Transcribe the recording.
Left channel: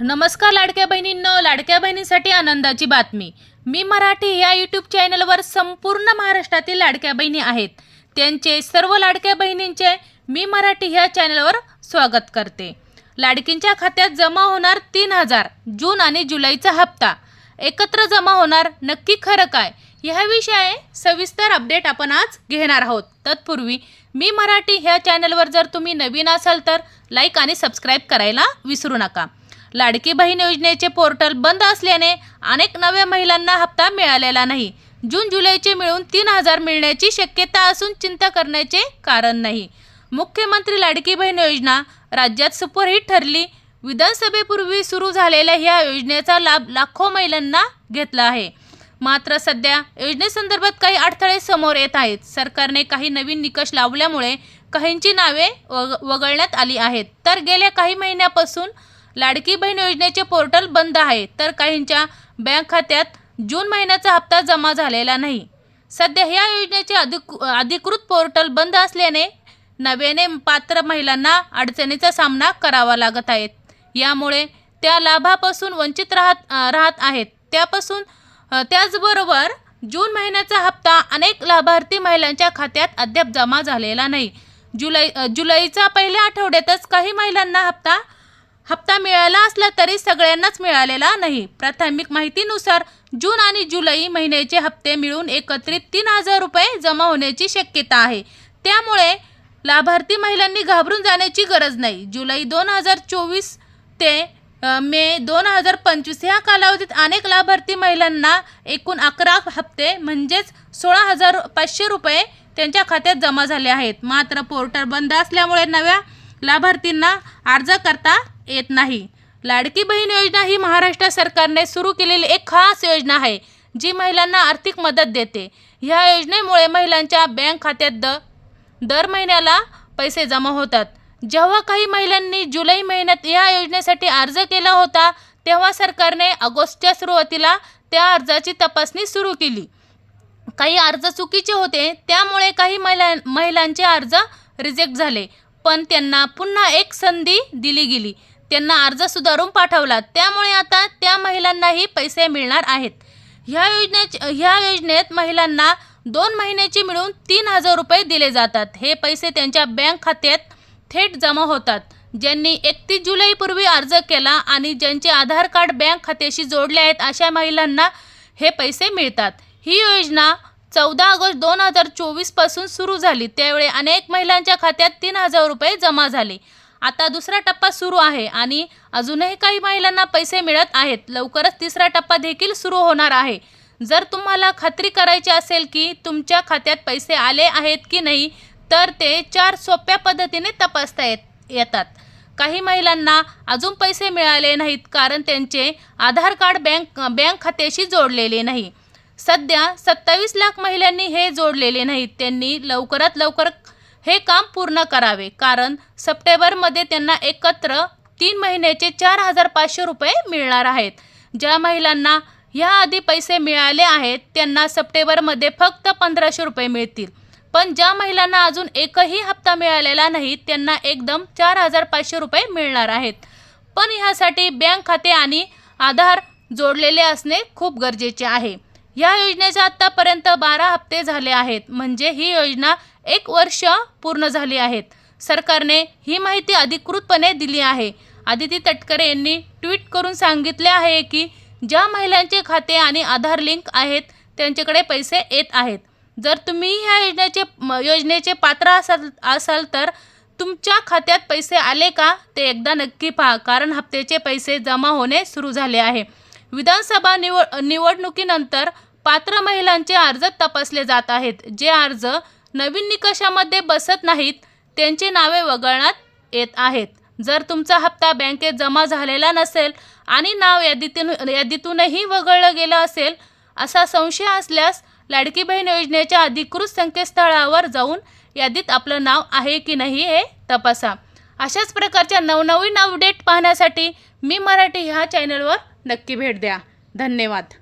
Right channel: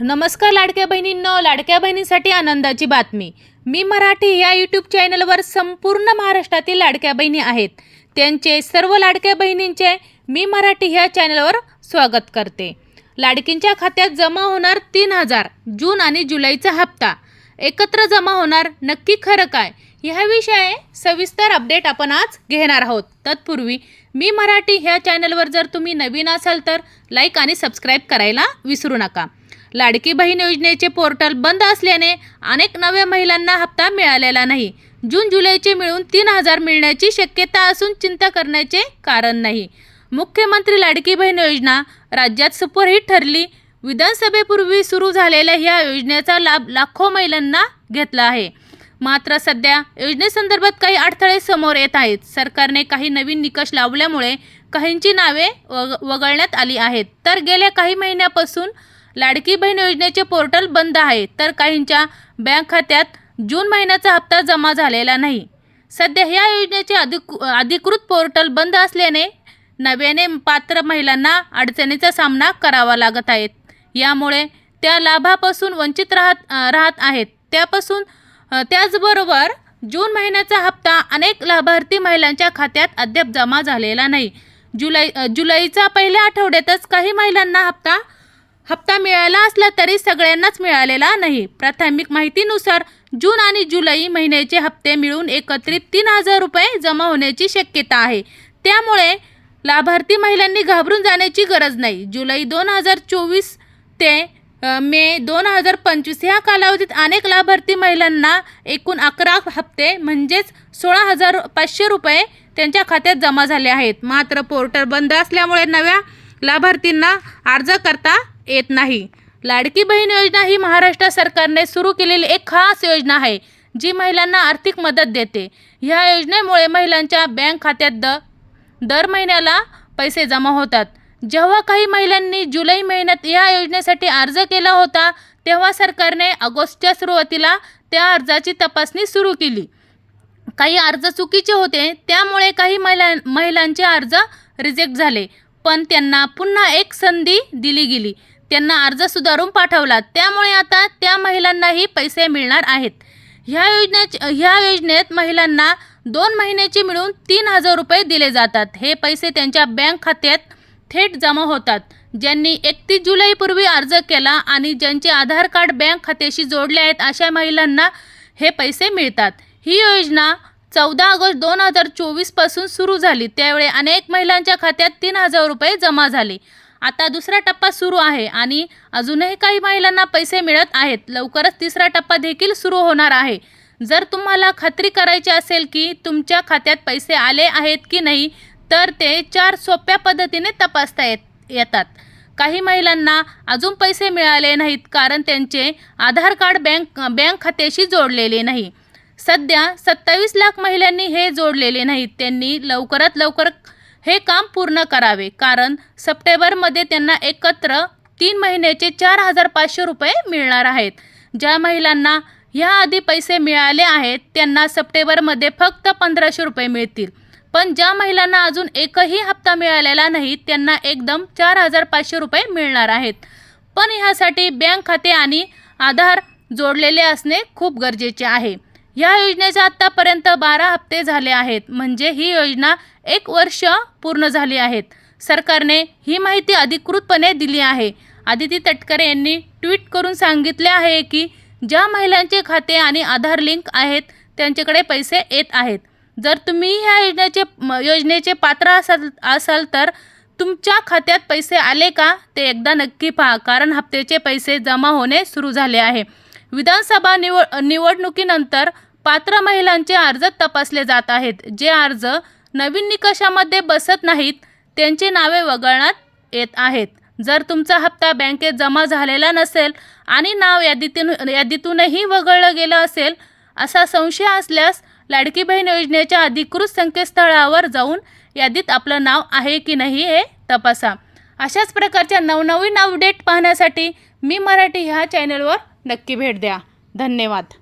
नमस्कार लाडक्या बहिणींनो लाडक्या बहिणींसाठी आनंदाची बातमी. मी मराठी या यूट्यूब चॅनलवर संपूर्ण महाराष्ट्रातील लाडक्या बहिणी आहेत. त्यांचे सर्व लाडक्या बहिणींचे मी मराठी ह्या चॅनलवर स्वागत करते. लाडकींच्या खात्यात जमा होणार तीन हजार जून आणि जुलैचा हप्ता. एकत्र जमा होणार नक्की खरं काय? ह्याविषयी सविस्तर अपडेट आपण आज घेणार आहोत. तत्पूर्वी मी मराठी ह्या चॅनलवर जर तुम्ही नवीन असाल तर लाईक आणि सबस्क्राईब करायला विसरू नका. लाडकी बहीण योजनेचे पोर्टल बंद असल्याने अनेक नव्या महिलांना हप्ता मिळालेला नाही. जून जुलैचे मिळून तीन हजार मिळण्याची शक्यता असून चिंता करण्याचे कारण नाही. मुख्यमंत्री लाडकी बहीण योजना राज्यात सुपरहिट ठरली. विधानसभेपूर्वी सुरू झालेल्या ह्या योजनेचा लाभ लाखो महिलांना घेतला आहे. मात्र सध्या योजनेसंदर्भात काही अडथळे समोर येत आहेत. सरकारने काही नवीन निकष लावल्यामुळे काहींची नावे वग वगळण्यात आली आहेत. तर गेल्या काही महिन्यापासून लाडकी बहीण योजनेचे पोर्टल बंद आहे तर काहींच्या बँक खात्यात जून महिन्याचा हप्ता जमा झालेला नाही. सध्या ह्या योजनेचे अधिक अधिकृत पोर्टल बंद असल्याने नव्याने पात्र महिलांना अडचणीचा सामना करावा लागत आहेत यामुळे त्या लाभापासून वंचित राहत राहत आहेत. त्यापासून त्याचबरोबर जून महिन्याचा हप्ता अनेक लाभार्थी महिलांच्या खात्यात अद्याप जमा झालेला नाही. जुलै जुलैचा जुलैच्या पहिल्या आठवड्यातच काही महिलांना हप्ता हप्ता मिळाला असला तरी सगळ्यांनाच मिळालेला नाही. प्राथमिक माहितीनुसार जून आणि जुलै महिन्याचे हप्ते मिळून एकत्रित तीन हजार रुपये जमा होण्याची शक्यता आहे. त्यामुळे लाभार्थी महिलांनी घाबरून जाण्याची गरज नाही. जुलै दोन हजार चोवीस ते मे दोन हजार पंचवीस ह्या कालावधीत अनेक लाभार्थी महिलांना एकूण अकरा हप्ते म्हणजेच सोळा हजार पाचशे रुपये त्यांच्या खात्यात जमा झाले आहेत. मात्र पोर्टल बंद असल्यामुळे नव्या लाभार्थींना अर्ज करता येत नाही. लाडकी बहीण योजना ही महाराष्ट्र सरकारने सुरू केलेली एक खास योजना आहे जी महिलांना आर्थिक मदत देते. ह्या योजनेमुळे महिलांच्या बँक खात्यात द दर महिन्याला पैसे जमा होतात. जेव्हा काही महिलांनी जुलै महिन्यात या योजनेसाठी अर्ज केला होता तेव्हा सरकारने ऑगस्टच्या सुरुवातीला त्या अर्जाची तपासणी सुरू केली. काही अर्ज चुकीचे होते त्यामुळे काही महिला महिलांचे अर्ज रिजेक्ट झाले. पण त्यांना पुन्हा एक संधी दिली गेली. त्यांना अर्ज सुधारून पाठवला. त्यामुळे आता त्या महिलांनाही पैसे मिळणार आहेत. ह्या योजनेच ह्या योजनेत महिलांना दोन महिन्याचे मिळून तीन हजार रुपये दिले जातात. हे पैसे त्यांच्या बँक खात्यात थेट जमा होतात. ज्यांनी एकतीस जुलैपूर्वी अर्ज केला आणि ज्यांचे आधार कार्ड बँक खात्याशी जोडले आहेत अशा महिलांना हे पैसे मिळतात. ही योजना चौदा ऑगस्ट दोन हजार चोवीसपासून सुरू झाली. त्यावेळी अनेक महिलांच्या खात्यात तीन हजार रुपये जमा झाले. आता दुसरा टप्पा सुरू आहे आणि अजूनही काही महिलांना पैसे मिळत आहेत. लवकरच तिसरा टप्पा देखील सुरू होणार आहे. जर तुम्हाला खात्री करायची असेल की तुमच्या खात्यात पैसे आले आहेत की नाही तर ते चार सोप्या पद्धतीने तपासता येत येतात. काही महिलांना अजून पैसे मिळाले नाहीत कारण त्यांचे आधार कार्ड बँक बँक खात्याशी जोडलेले नाही. सध्या सत्तावीस लाख महिलांनी हे जोडलेले नाहीत. त्यांनी लवकरात लवकर हे काम पूर्ण करावे. कारण सप्टेंबरमध्ये त्यांना एकत्र तीन महिन्याचे चार हजार पाचशे रुपये मिळणार आहेत. ज्या महिलांना ह्याआधी पैसे मिळाले आहेत त्यांना सप्टेंबरमध्ये फक्त पंधराशे रुपये मिळतील. पण ज्या महिलांना अजून एकही हप्ता मिळालेला नाही त्यांना एकदम चार हजार पाचशे रुपये मिळणार आहेत. पण ह्यासाठी बँक खाते आणि आधार जोडलेले असणे खूप गरजेचे आहे. या योजनेचे आत्तापर्यंत बारा हप्ते झाले आहेत. म्हणजे ही योजना एक वर्ष पूर्ण झाली आहेत. सरकारने ही माहिती अधिकृतपणे दिली आहे. आदिती तटकरे यांनी ट्विट करून सांगितले आहे की ज्या महिलांचे खाते आणि आधार लिंक आहेत त्यांच्याकडे पैसे येत आहेत. जर तुम्ही ह्या योजनेचे योजनेचे पात्र असाल असाल तर तुमच्या खात्यात पैसे आले का ते एकदा नक्की पहा कारण हप्त्याचे पैसे जमा होणे सुरू झाले आहे. विधानसभा निवड निवडणुकीनंतर पात्र महिलांचे अर्ज तपासले जात आहेत. जे अर्ज नवीन निकषामध्ये बसत नाहीत त्यांची नावे वगळण्यात येत आहेत. जर तुमचा हप्ता बँकेत जमा झालेला नसेल आणि नाव यादीतून यादीतूनही वगळलं गेलं असेल असा संशय असल्यास लाडकी बहीण योजनेच्या अधिकृत संकेतस्थळावर जाऊन यादीत आपलं नाव आहे की नाही हे तपासा. अशाच प्रकारच्या नवनवीन अपडेट पाहण्यासाठी मी मराठी ह्या चॅनलवर नक्की भेट द्या. धन्यवाद.